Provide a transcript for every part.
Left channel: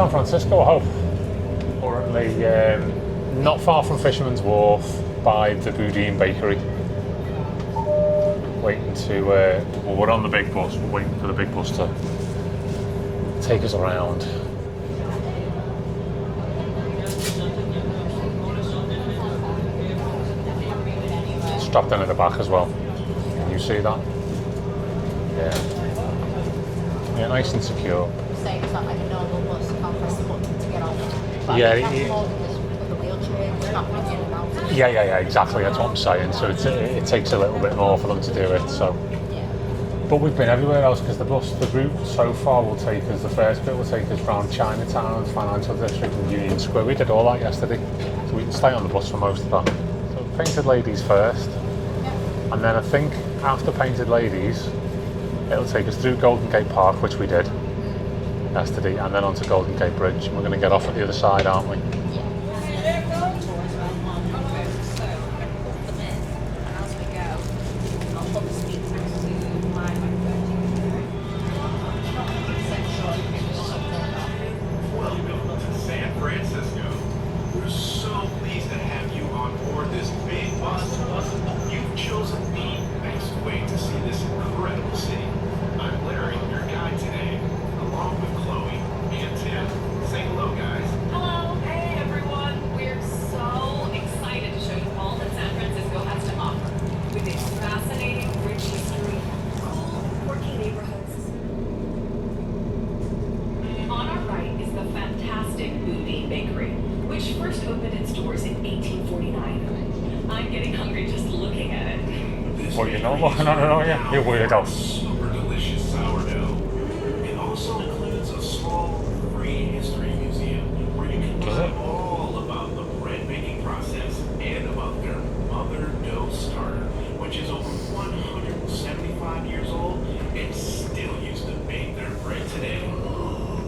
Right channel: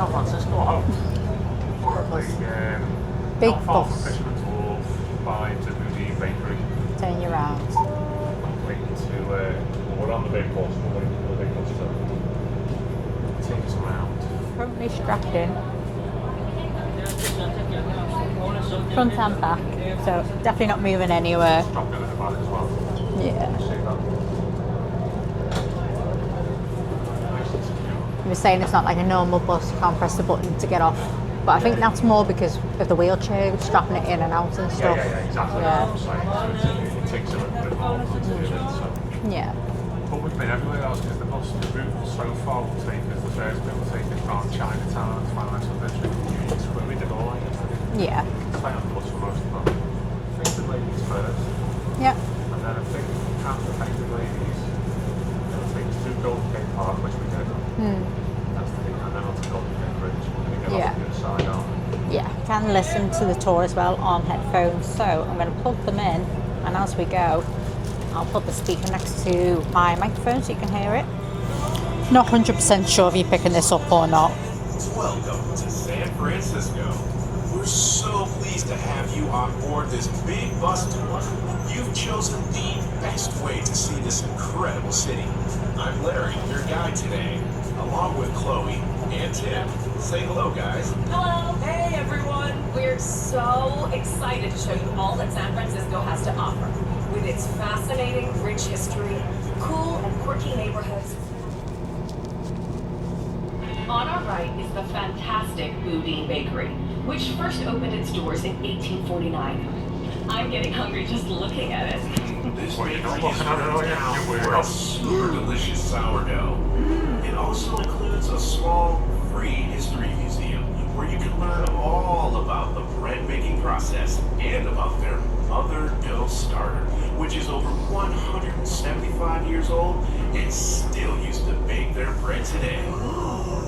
San Francisco, I hope. Currently, not far from Fisherman's Wharf by the Boudin Bakery. Turn you around. Waiting to, well, we're on the big bus. We're waiting for the big bus to take us around. Currently strapped in. Front and back, so definitely not moving anywhere. Strapped in at the back as well. Yeah. You see that? Yeah. Yeah, nice and secure. You were saying it's not like a normal bus, can't press the button to get off. But I think that's more because of the wheelchair, strapping it in and out and stuff. Yeah, exactly. That's what I'm saying. So it takes a little bit more for them to do it. So. Yeah. But we've been everywhere else because the route so far will take us, the first bit will take us around Chinatown, Financial District and Union Square. We did all that yesterday. Yeah. So we can stay on the bus for most of that. So Painted Ladies first. Yep. And then I think after Painted Ladies, it'll take us through Golden Gate Park, which we did yesterday, and then onto Golden Gate Bridge. We're going to get off at the other side, aren't we? Yeah. Can listen to the tour as well on headphones. So I'm going to plug them in, and as we go, I'll put the speaker next to my microphone so you can hear it. Not 100% sure if you're picking this up or not. Welcome to San Francisco. We're so pleased to have you on board this big bus tour. You've chosen the best way to see this incredible city. I'm Larry, your guide today, along with Chloe and Tim. Say hello, guys. Hello. Hey, everyone. We're so excited to show you all that San Francisco has to offer. With its fascinating, rich history, cool and quirky neighborhoods. On our right is the fantastic Boudin Bakery, which first opened its doors in 1849. I'm getting hungry just looking at it. Well, you're not looking at it, are you? You're weirdo. Super delicious sourdough. It also includes a small free history museum where you can learn all about the bread making process and about their mother dough starter, which is over 175 years old and still used to bake their bread today.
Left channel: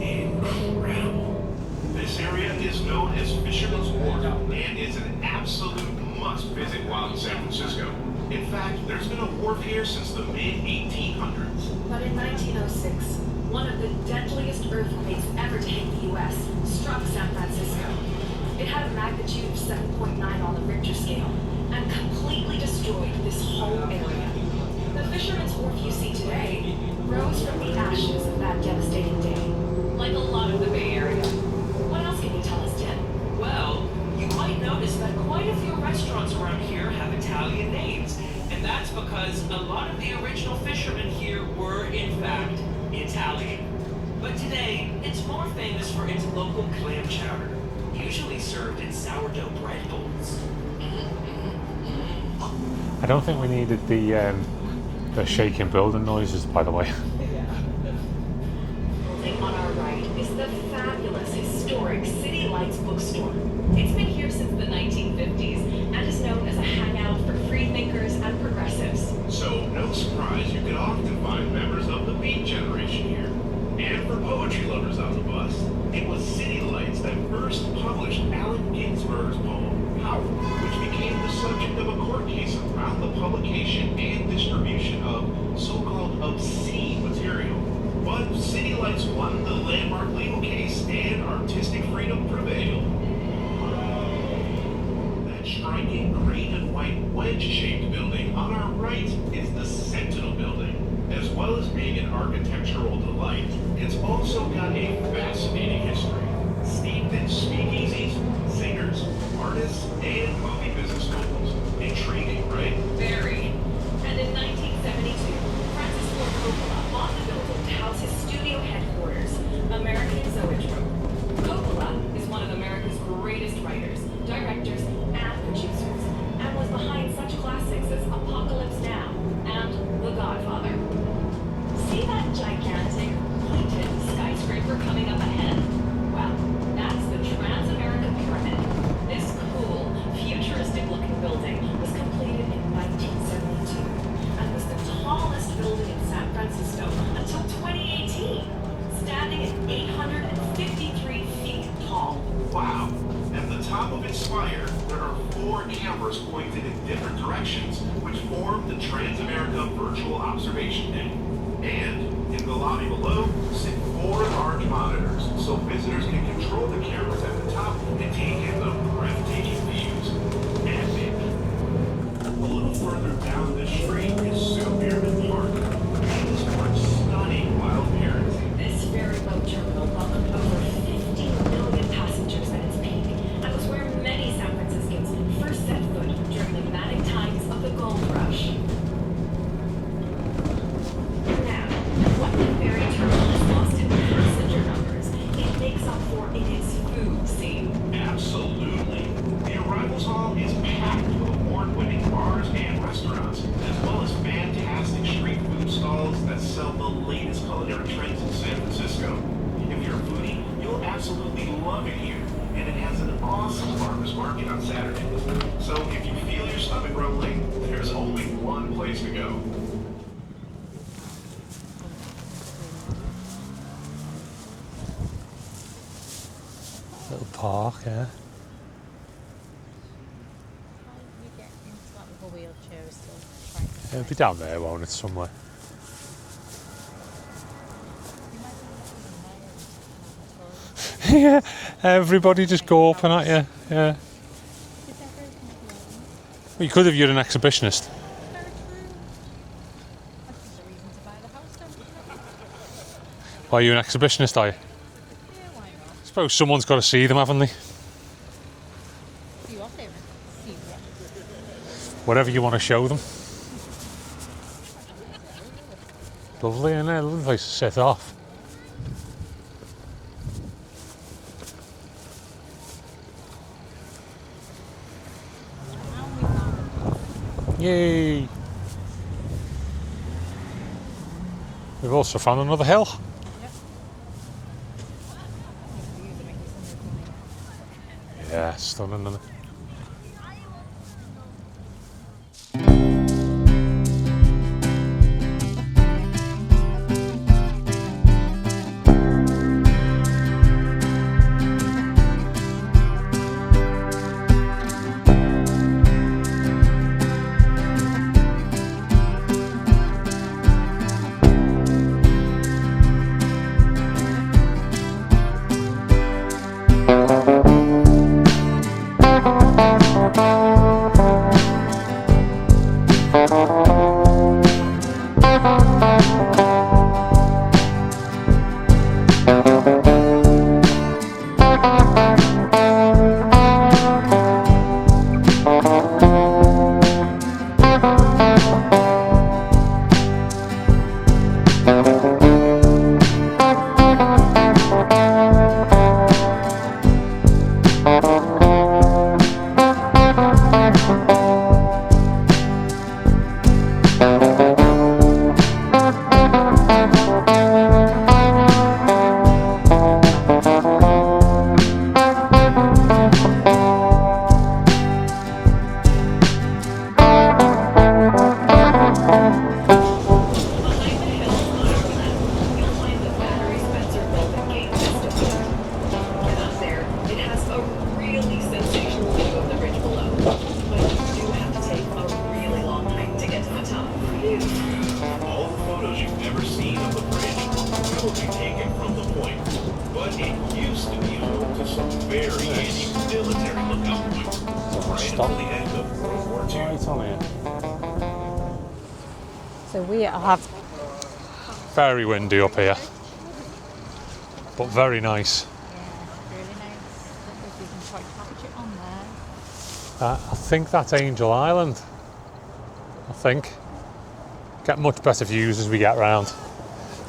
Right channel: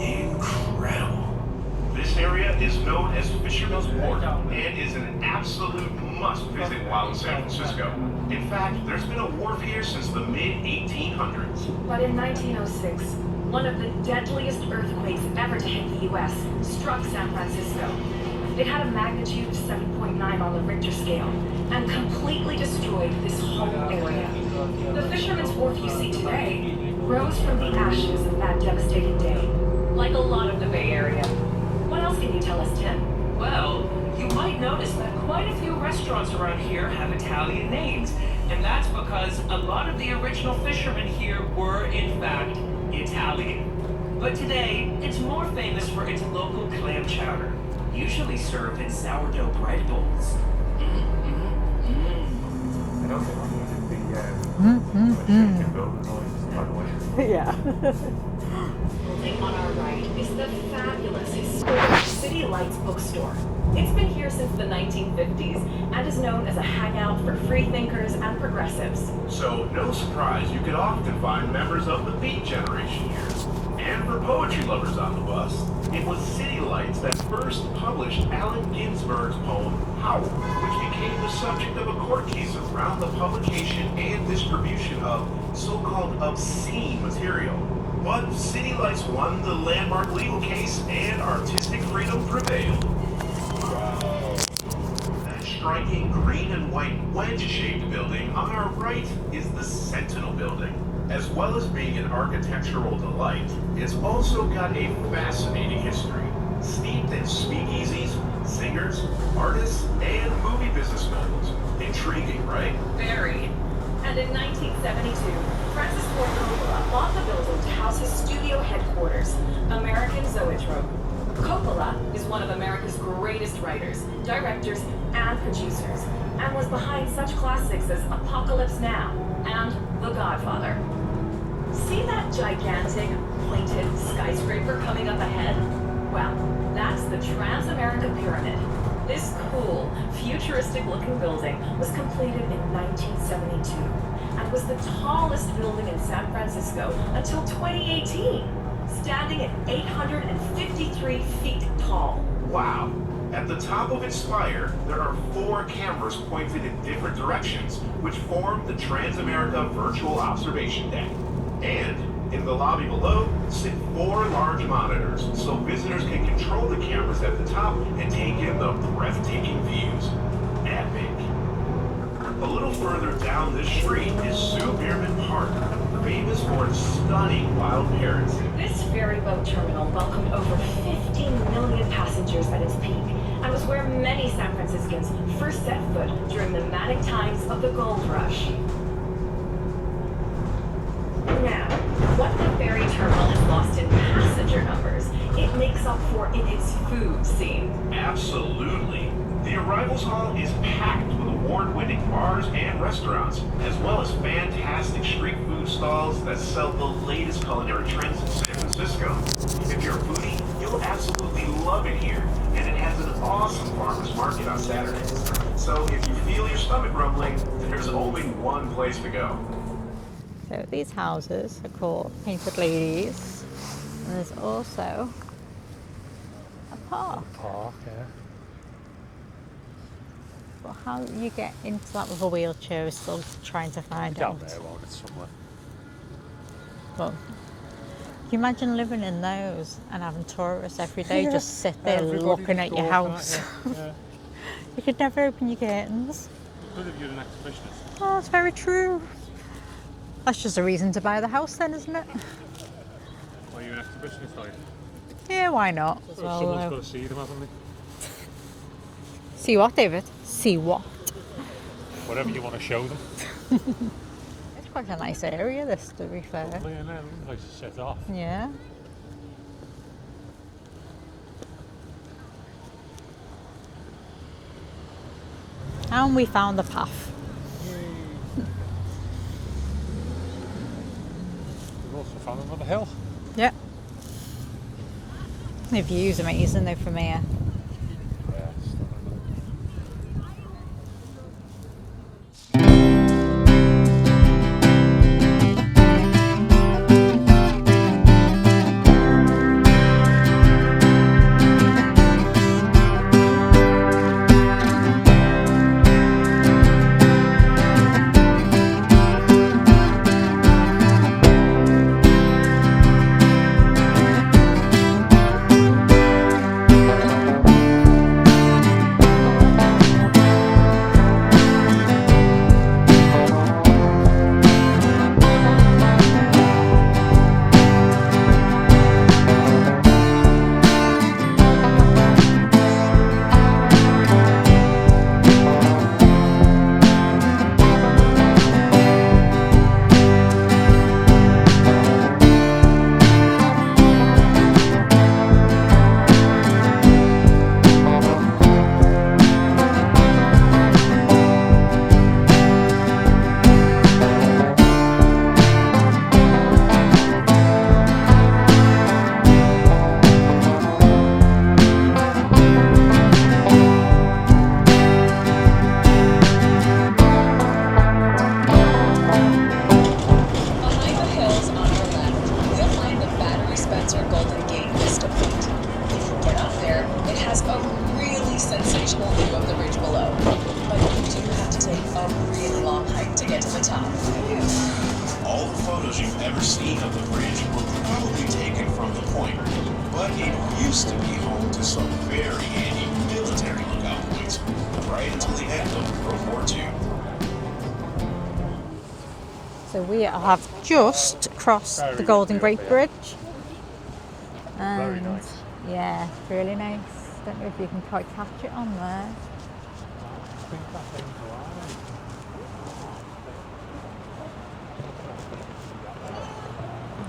Incredible. This area is known as Fisherman's Wharf and is an absolute must visit while in San Francisco. In fact, there's been a wharf here since the mid-1800s. But in 1906, one of the deadliest earthquakes ever to hit the U.S. struck San Francisco. It had a magnitude of 7.9 on the Richter scale and completely destroyed this whole area. The Fisherman's Wharf you see today rose from the ashes of that devastating day, like a lot of the Bay Area. What else can you tell us, Tim? Well, you might notice that quite a few restaurants around here have Italian names, and that's because a lot of the original fishermen here were, in fact, Italian. But today, it's more famous for its local clam chowder, usually served in sourdough bread bowls. I don't think we needed the shaking building noises, by the way. Yeah. Building on our right is the fabulous historic City Lights bookstore. It's been here since the 1950s and is known as a hangout for freethinkers and progressives. So no surprise you can often find members of the Beat Generation here. And for poetry lovers on the bus, it was City Lights that first published Allen Ginsberg's poem, Howl, which became the subject of a court case around the publication and distribution of so-called obscene material. But City Lights won the landmark legal case and artistic freedom prevailed. That striking green and white wedge-shaped building on our right is the Sentinel Building. As well as being an architectural delight, it's also got a fascinating history, steeped in speakeasies, singers, artists, and movie business schools. Intriguing, right? Very. And in 1972, Francis Ford Coppola bought the building to house his studio headquarters, American Zoetrope. Coppola is one of America's greatest writers, directors, and producers, and was behind such classics as Apocalypse Now and The Godfather. See that gigantic, pointed skyscraper coming up ahead? Well, that's the Transamerica Pyramid. This cool, futuristic-looking building was completed in 1972 and was the tallest building in San Francisco until 2018, standing at 853 feet tall. Wow. At the top of its spire, there are 4 cameras pointed in different directions, which form the Transamerica Virtual Observation Deck. And In the lobby below sit 4 large monitors, so visitors can control the cameras at the top and take in the breathtaking views. Epic. A little further down this street is Sue Bierman Park, famous for its stunning wild parrots. This ferry boat terminal welcomed over 15 million passengers at its peak and was where many San Franciscans first set foot during the manic times of the gold rush. Now, what the ferry terminal has lost in passenger numbers, it makes up for in its food scene. Absolutely. The arrivals hall is packed with award-winning bars and restaurants, as well as fantastic street food stalls that sell the latest culinary trends in San Francisco. If you're a foodie, you'll absolutely love it here. And it has an awesome farmers market on Saturdays. So if you feel your stomach rumbling, there's only one place to go. So these houses are called Painted Ladies, and there's also a park. Park, yeah. But how you get into that with a wheelchair is still trying to It'll find be down there, won't it, somewhere? But can you imagine living in those and having tourists every day just sit there Everybody looking just at your gawping at house? you. Yeah. You could never open your curtains. Well, you could if you're an exhibitionist. Oh, that's very true. That's just a reason to buy the house then, isn't it? Why, are you an exhibitionist, are you? Yeah, why not? I suppose someone's got to see them, haven't they? See what, David? See what? Whatever you want to show them. It's quite a nice area, this, to be fair. Lovely, isn't it? Lovely place to set off. Yeah. And we found the path. Yay! We've also found another hill. Yep. The view's amazing though from here. Yeah, stunning, isn't it? So we have just crossed Very the Golden windy up Gate here. Bridge. But very nice. Yeah, really nice. Don't know if you can quite catch it on there. I think that's Angel Island. I think. Get much better views as we get round.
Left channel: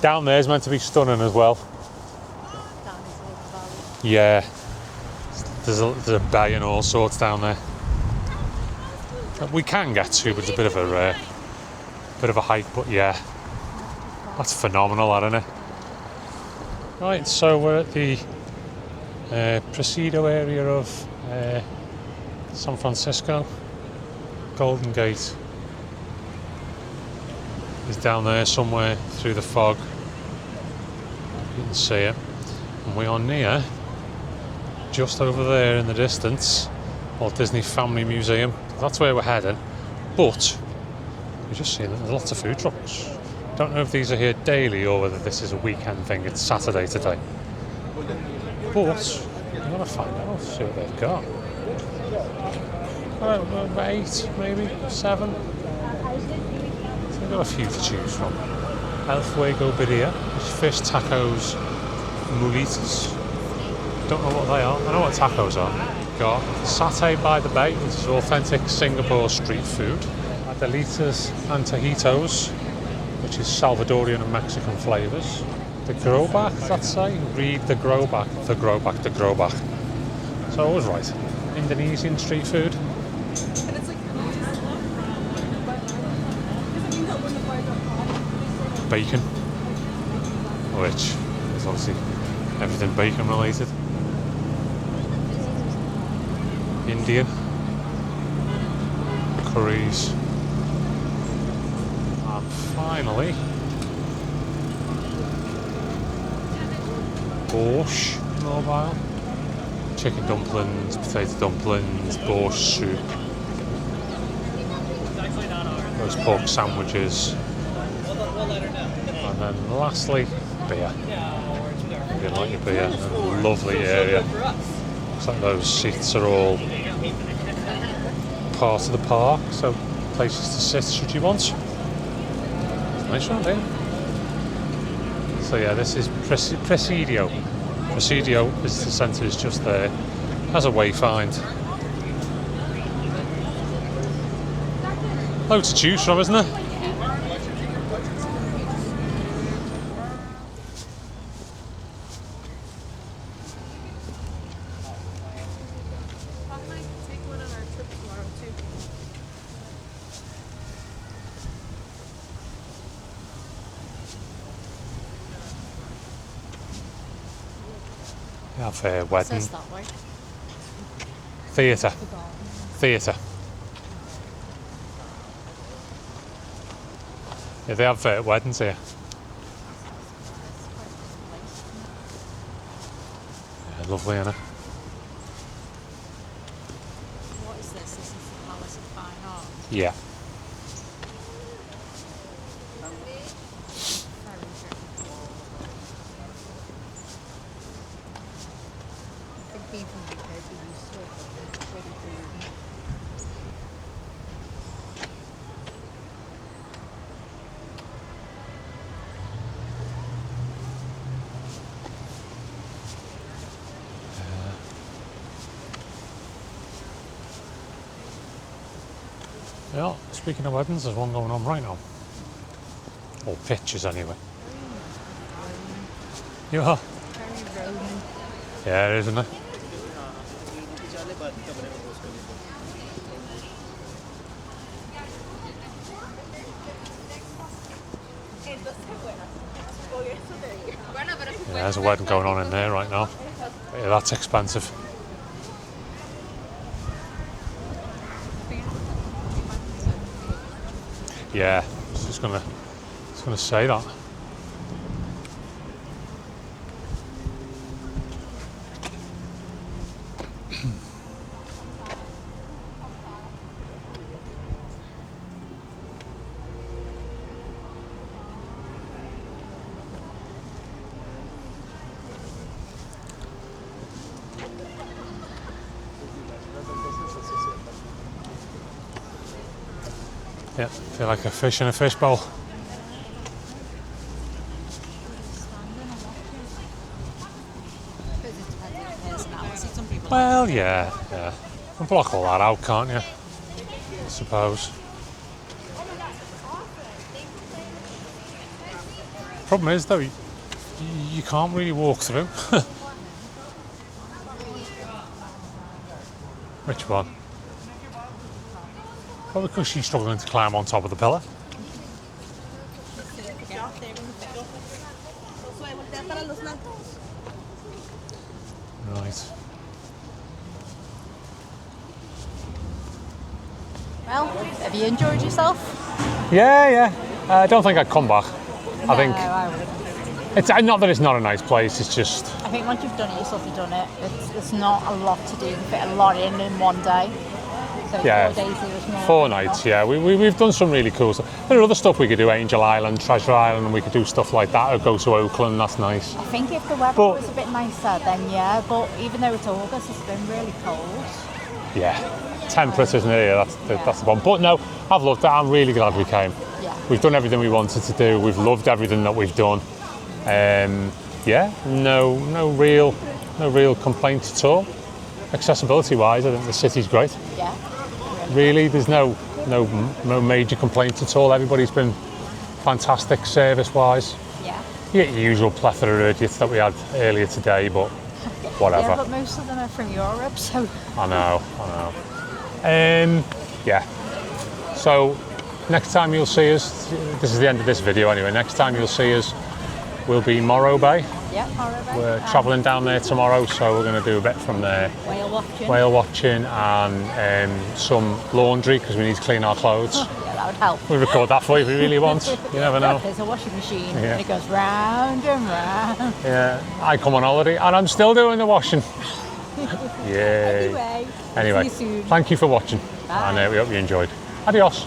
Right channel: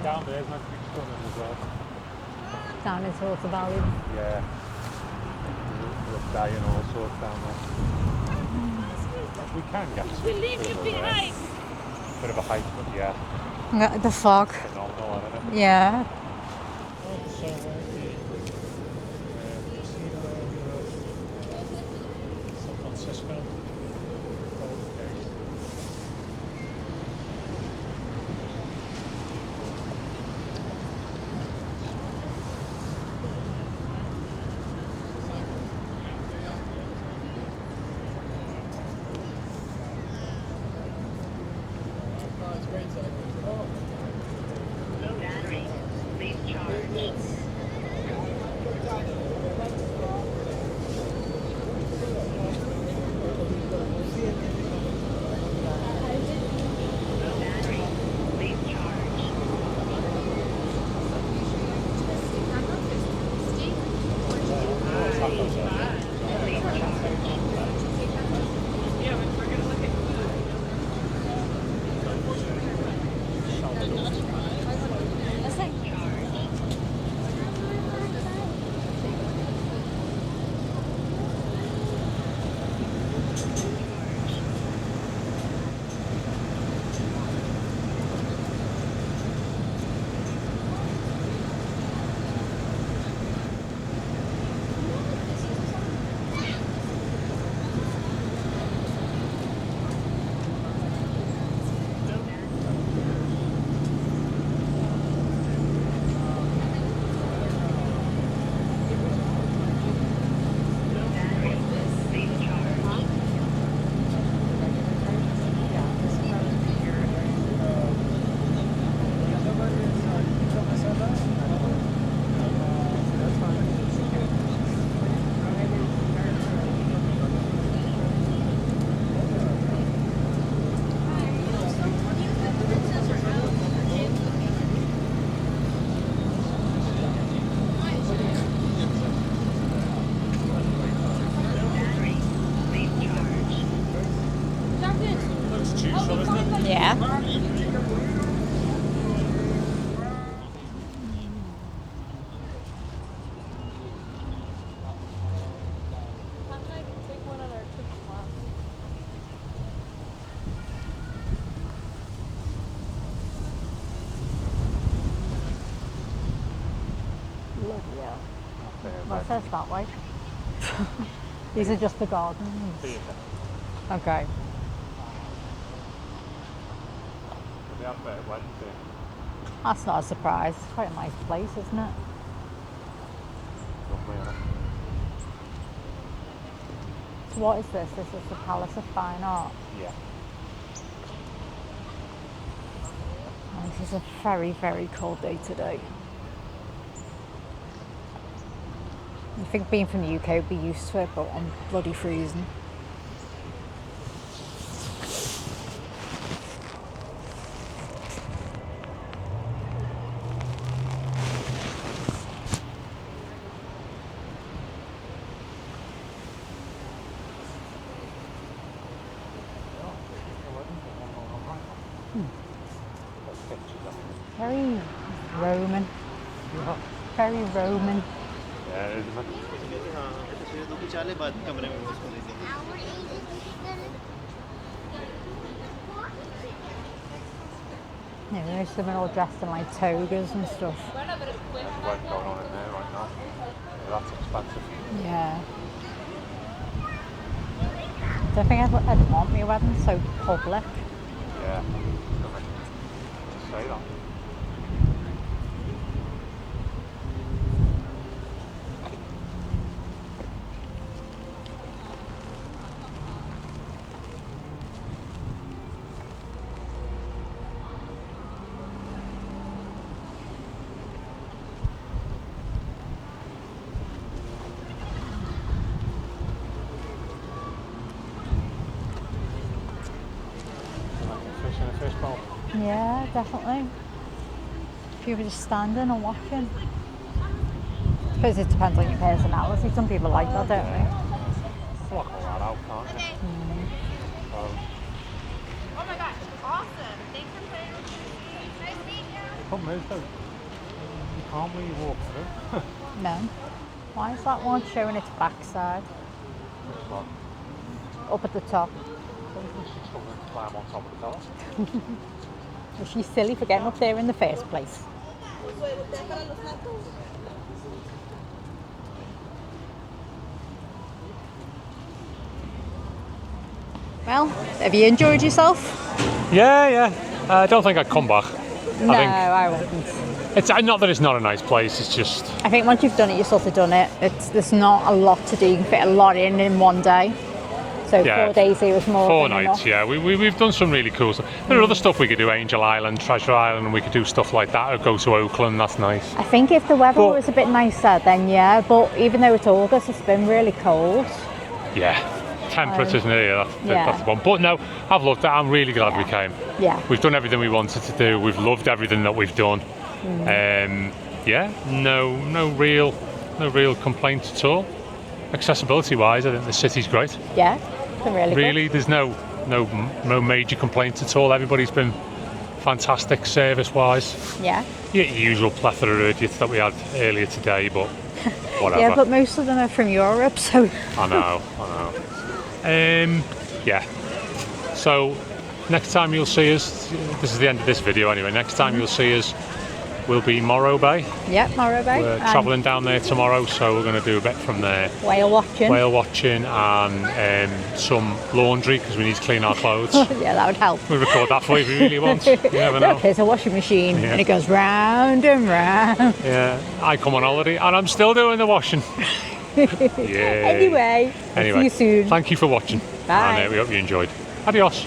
Down there's meant to be stunning as well. Down into Water Valley. Yeah. There's a bay and all sorts down there. We can get to, but it's a bit of a hike. But yeah, The fog. that's phenomenal, isn't it? Yeah. Right, so we're at the Presidio area of San Francisco. Golden Gate is down there somewhere through the fog. You can see it. And we are near, just over there in the distance, Walt Disney Family Museum. That's where we're heading. But we just see that there's lots of food trucks. Don't know if these are here daily or whether this is a weekend thing. It's Saturday today. But I'm gonna find out. Let's see what they've got. About 8, maybe 7. We've got a few to choose from. El Fuego Birria, fish tacos, muritas. Don't know what they are. I know what tacos are. Got satay by the bay, which is authentic Singapore street food. Delitas and tajitos, which is Salvadorian and Mexican flavours. The growback, that's say? Read the growback, the growback, the growback. So I was right. Indonesian street food. Bacon, which is obviously everything bacon related. Indian curries, and finally borscht mobile, chicken dumplings, potato dumplings, borscht soup, roast pork sandwiches, and then lastly beer. A bit like a beer, lovely area. Looks like those seats are all part of the park, so places to sit should you want. Nice one there. So yeah, this is Presidio. Presidio Visitor Centre is just there as a wayfind. Loads to choose from, isn't there? Yeah. Have a wedding. What's that like? Theatre. The garden. Theatre. Okay. Yeah, they have weddings here. That's not a surprise. It's quite a nice place, isn't it? Yeah, lovely, isn't it? What is this? This is the Palace of Fine Art. Yeah. Oh, this is a very, very cold day today. I think being from the UK would be used to it, but I'm bloody freezing. Yeah, speaking of weddings, there's one going on right now. Or pictures anyway. Very Roman. You are? Very Roman. Yeah, it is, isn't it? Yeah, there's them all dressed in like togas and stuff. Yeah, there's a wedding going on in there right now. Yeah, that's expensive. Yeah. I think I'd want my wedding so public. Yeah, I was just gonna say that. Yeah, feel like a fish in a fishbowl. Yeah, definitely. If you were just standing or watching. I suppose it depends on your personality. Some people Well, like it. yeah. You can block all that out, can't you? I suppose. Problem is, though, you can't really walk through. No. Why is that one showing its backside? Which one? Up at the top. Well, because she's struggling to climb on top of the pillar. Well, she's silly for getting up there in the first place. Right. Well, have you enjoyed yourself? Yeah. I don't think I'd come back. No, I think I wouldn't. it's not that it's not a nice place. It's just I think once you've done it, you've sort of done it. There's not a lot to do. You can fit a lot in one day. So Yeah. 4 days here was more. 4 than nights, enough. yeah. We've done some really cool stuff. There are other stuff we could do, Angel Island, Treasure Island, and we could do stuff like that, or go to Oakland, that's nice. I think if the weather But- was a bit nicer, then yeah. But even though it's August, it's been really cold. Yeah, temperate, isn't it? Yeah, Yeah. that's the one. But no, I've loved it. I'm really glad we came. Yeah. We've done everything we wanted to do. We've loved everything that we've done. Yeah, no real complaints at all. Accessibility wise, I think the city's great. Yeah. It's been really. Really, there's no major complaints at all. Everybody's been fantastic service wise. Good. Yeah. Your usual plethora of idiots that we had earlier today, but whatever. Yeah, but most of them are from Europe, so I know. Yeah. So next time you'll see us, this is the end of this video anyway. Next time you'll see us, we'll be Morro Bay. yeah, Morro Bay. We're and travelling down there tomorrow, so we're going to do a bit from there. whale watching. Whale watching and some laundry because we need to clean our clothes. Yeah, that would help. We'll record that for you if you really want. You never know. Look, there's a washing machine Yeah. and it goes round and round. Yeah, I come on holiday and I'm still doing the washing. Yeah. Anyway, Anyway, see you soon. thank you for watching. Bye. And we hope you enjoyed. Adios.